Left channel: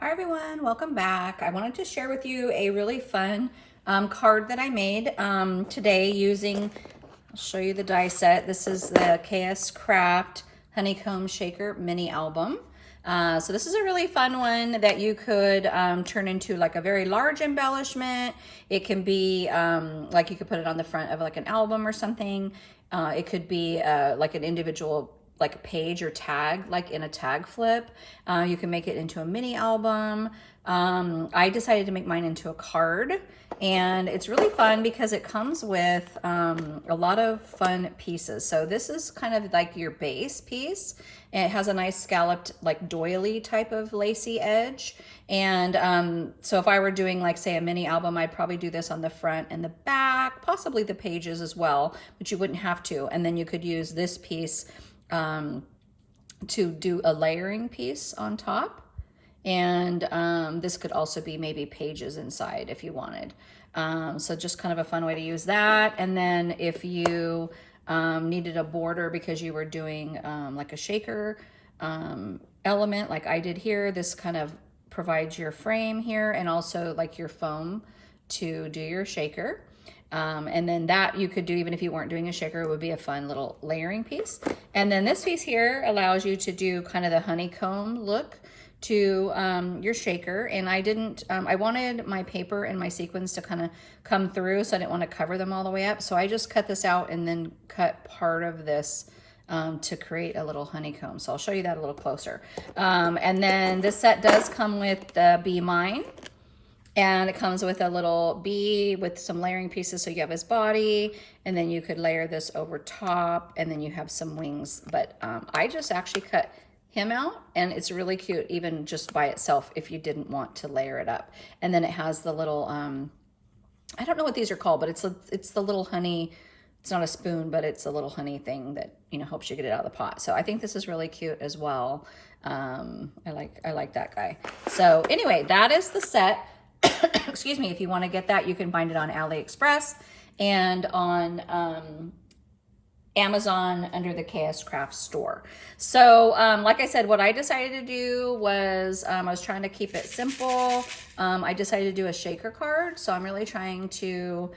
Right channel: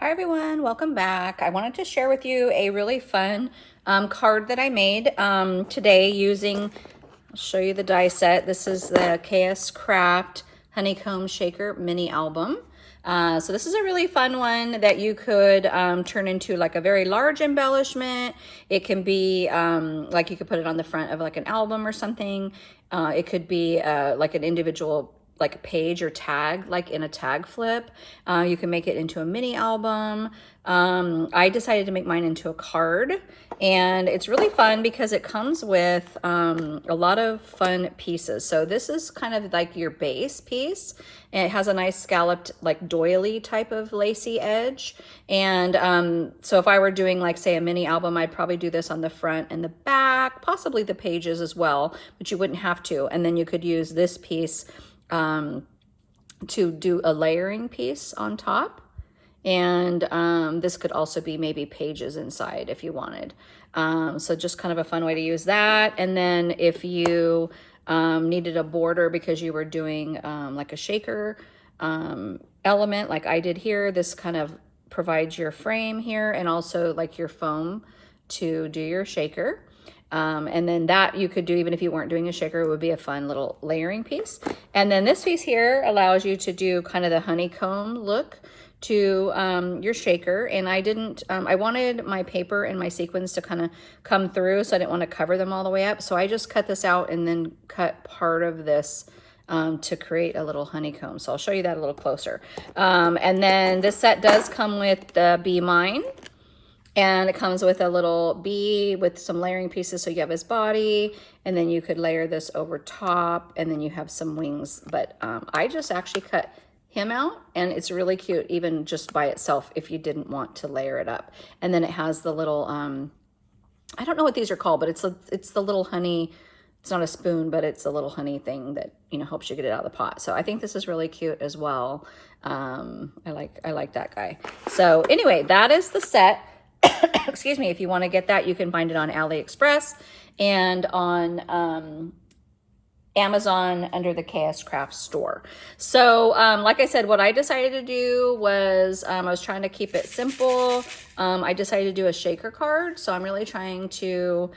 Hi everyone, welcome back. I wanted to share with you a really fun card that I made today using, I'll show you the die set. This is the KSCRAFT Honeycomb Shaker Mini Album. So this is a really fun one that you could turn into like a very large embellishment. It can be like you could put it on the front of like an album or something. It could be like an individual like a page or tag, like in a tag flip. You can make it into a mini album. I decided to make mine into a card, and it's really fun because it comes with a lot of fun pieces. So this is kind of like your base piece, and it has a nice scalloped like doily type of lacy edge. And so if I were doing like say a mini album, I'd probably do this on the front and the back, possibly the pages as well, but you wouldn't have to. And then you could use this piece to do a layering piece on top. And this could also be maybe pages inside if you wanted. So just kind of a fun way to use that. And then if you needed a border because you were doing like a shaker element like I did here, this kind of provides your frame here and also like your foam to do your shaker. And then that you could do even if you weren't doing a shaker. It would be a fun little layering piece. And then this piece here allows you to do kind of the honeycomb look to your shaker. And I didn't, I wanted my paper and my sequins to kind of come through, so I didn't want to cover them all the way up. So I just cut this out and then cut part of this to create a little honeycomb. So I'll show you that a little closer. And then this set does come with the Be Mine. And it comes with a little bee with some layering pieces. So you have his body, and then you could layer this over top, and then you have some wings. But I just actually cut him out, and it's really cute even just by itself if you didn't want to layer it up. And then it has the little, I don't know what these are called, but it's the little honey. It's not a spoon, but it's a little honey thing that, you know, helps you get it out of the pot. So I think this is really cute as well. I like that guy. So anyway, that is the set. Excuse me. If you want to get that, you can find it on AliExpress and on Amazon under the KSCRAFT store. So like I said, what I decided to do was I was trying to keep it simple. I decided to do a shaker card. So I'm really trying to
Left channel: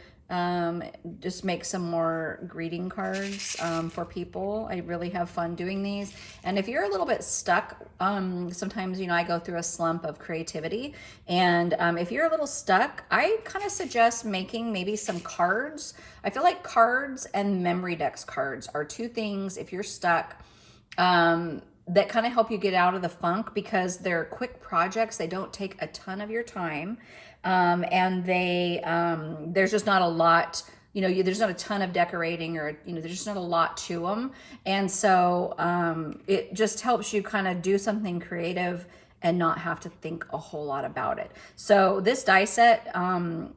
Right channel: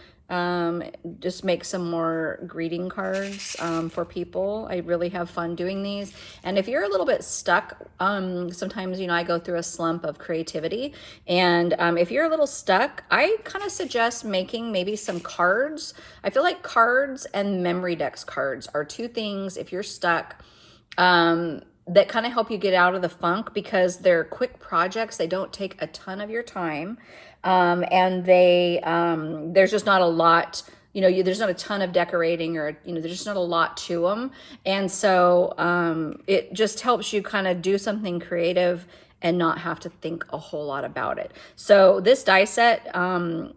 just make some more greeting cards for people. I really have fun doing these. And if you're a little bit stuck, sometimes, you know, I go through a slump of creativity. And if you're a little stuck, I kind of suggest making maybe some cards. I feel like cards and memory decks cards are two things, if you're stuck, that kind of help you get out of the funk because they're quick projects. They don't take a ton of your time. And there's just not a lot, you know, there's not a ton of decorating or, you know, there's just not a lot to them. And so, it just helps you kind of do something creative and not have to think a whole lot about it. So this die set, I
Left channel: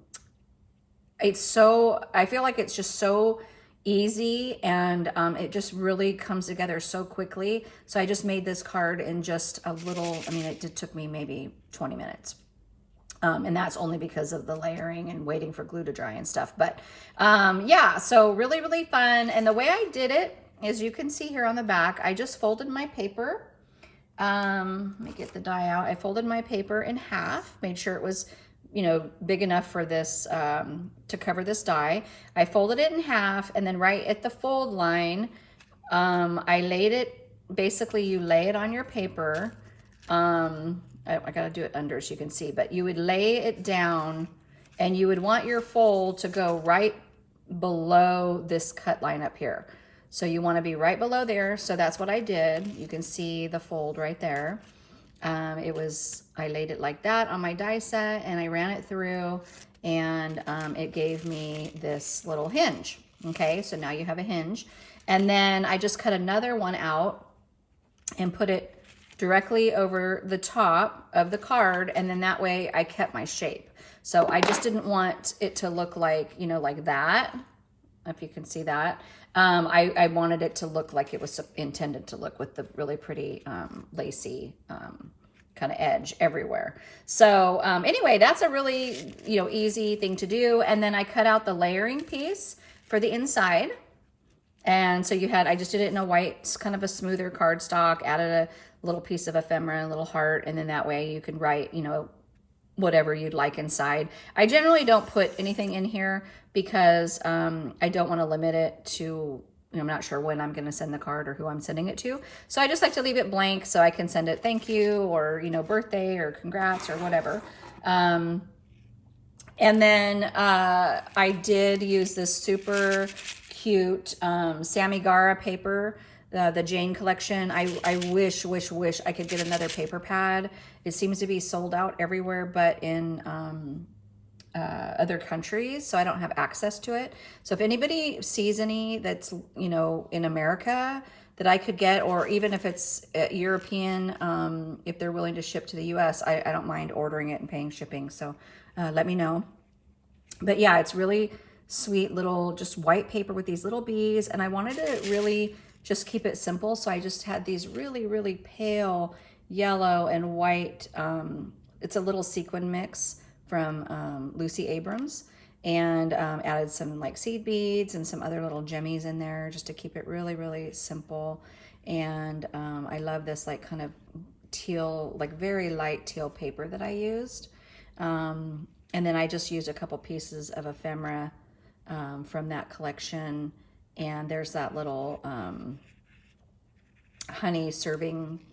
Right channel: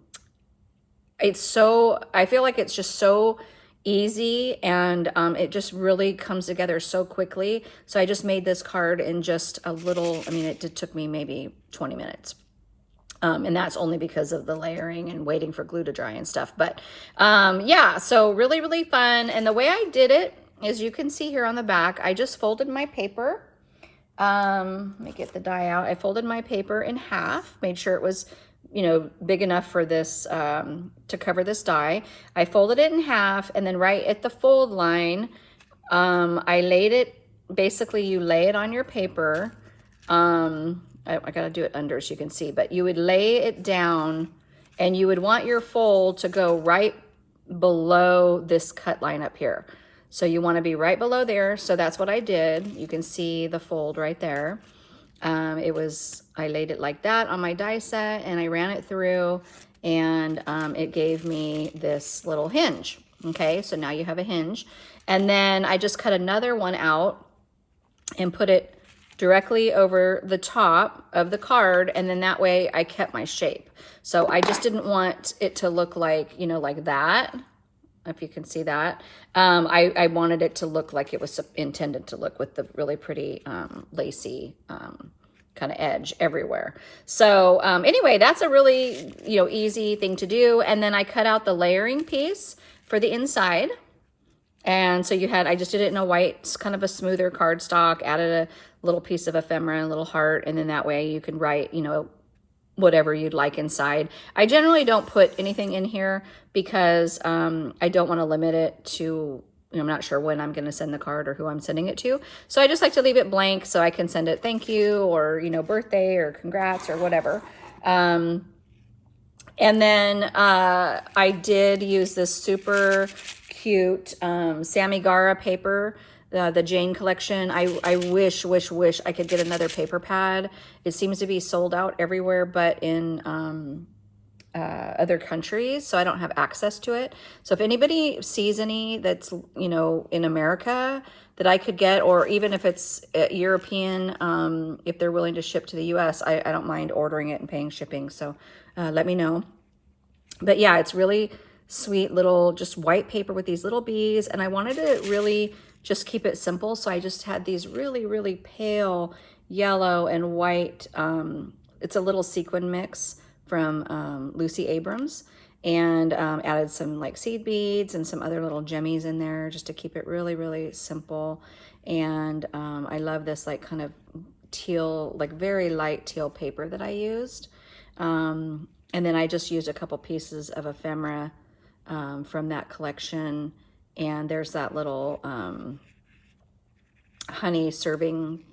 feel like it's just so easy, and it just really comes together so quickly. So I just made this card in just a little, I mean, it took me maybe 20 minutes. And that's only because of the layering and waiting for glue to dry and stuff. But yeah, so really, really fun. And the way I did it, as you can see here on the back, I just folded my paper. Let me get the die out. I folded my paper in half, made sure it was, you know, big enough for this, to cover this die. I folded it in half, and then right at the fold line, I laid it, basically you lay it on your paper. I gotta do it under so you can see, but you would lay it down, and you would want your fold to go right below this cut line up here. So you want to be right below there. So that's what I did. You can see the fold right there. I laid it like that on my die set, and I ran it through, and it gave me this little hinge. Okay, so now you have a hinge. And then I just cut another one out and put it directly over the top of the card, and then that way I kept my shape. So I just didn't want it to look like, you know, like that, if you can see that. I wanted it to look like it was intended to look, with the really pretty lacy kind of edge everywhere. So anyway, that's a really, you know, easy thing to do. And then I cut out the layering piece for the inside. And so you had, I just did it in a white, kind of a smoother cardstock, added a little piece of ephemera, a little heart, and then that way you can write, you know, whatever you'd like inside. I generally don't put anything in here because I don't want to limit it to, you know, I'm not sure when I'm going to send the card or who I'm sending it to. So I just like to leave it blank so I can send it thank you or, you know, birthday or congrats or whatever. And then I did use this super cute Sammy Gara paper, the Jane collection. I wish I could get another paper pad. It seems to be sold out everywhere but in other countries, so I don't have access to it. So if anybody sees any that's, you know, in America that I could get, or even if it's European, if they're willing to ship to the US, I don't mind ordering it and paying shipping. So let me know. But yeah, it's really sweet little just white paper with these little bees, and I wanted to really just keep it simple, so I just had these really pale yellow and white. It's a little sequin mix from Lucy Abrams, and added some like seed beads and some other little jimmies in there just to keep it really simple. And I love this like kind of teal, like very light teal paper that I used. And then I just used a couple pieces of ephemera from that collection. And there's that little honey serving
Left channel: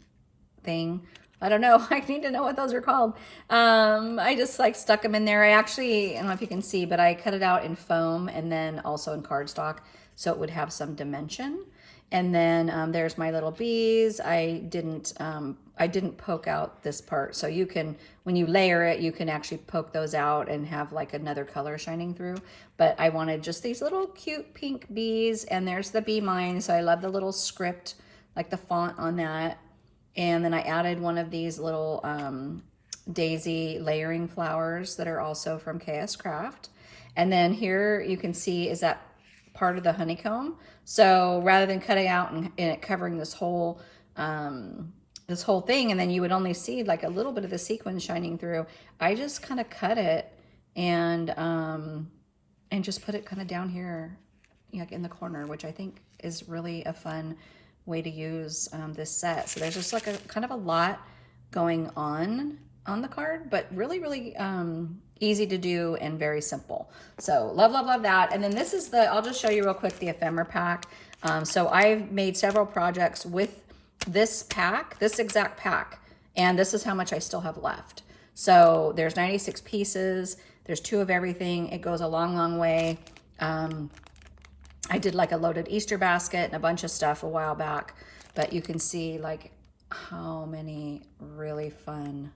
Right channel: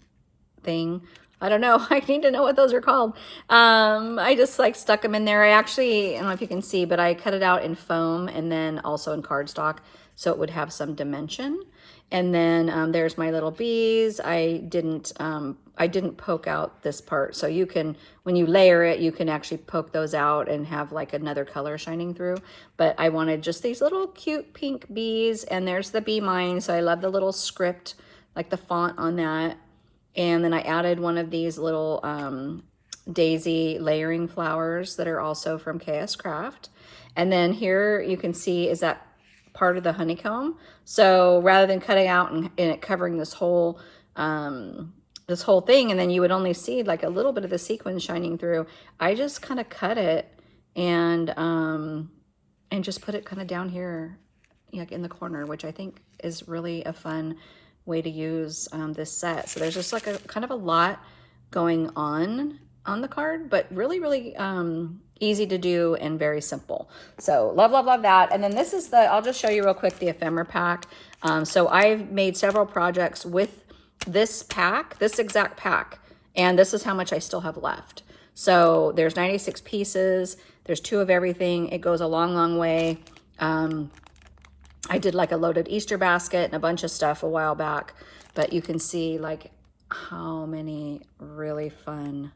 thing. I don't know. I need to know what those are called. I just like stuck them in there. I don't know if you can see, but I cut it out in foam and then also in cardstock so it would have some dimension. And then there's my little bees. I didn't poke out this part. So you can, when you layer it, you can actually poke those out and have like another color shining through. But I wanted just these little cute pink bees, and there's the bee mine. So I love the little script, like the font on that. And then I added one of these little daisy layering flowers that are also from KSCRAFT. And then here you can see is that part of the honeycomb. So rather than cutting out and it covering this whole thing, and then you would only see like a little bit of the sequin shining through, I just kind of cut it and just put it kind of down here, like in the corner, which I think is really a fun way to use this set. So there's just like a kind of a lot going on the card, but really easy to do and very simple. So love that. And then this is I'll just show you real quick the ephemera pack. So I've made several projects with this pack, this exact pack, and this is how much I still have left. So there's 96 pieces. There's 2 of everything. It goes a long way. I did like a loaded Easter basket and a bunch of stuff a while back, but you can see like how many really fun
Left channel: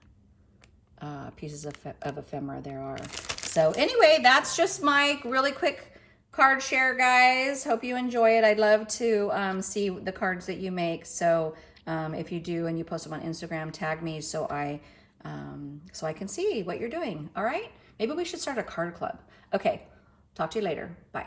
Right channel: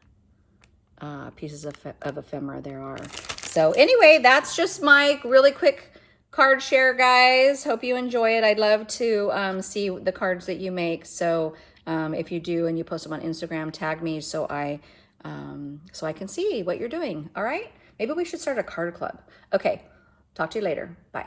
pieces of ephemera there are. So anyway, that's just my really quick card share, guys. Hope you enjoy it. I'd love to see the cards that you make. So if you do and you post them on Instagram, tag me so I can see what you're doing. All right, maybe we should start a card club. Okay, talk to you later. Bye.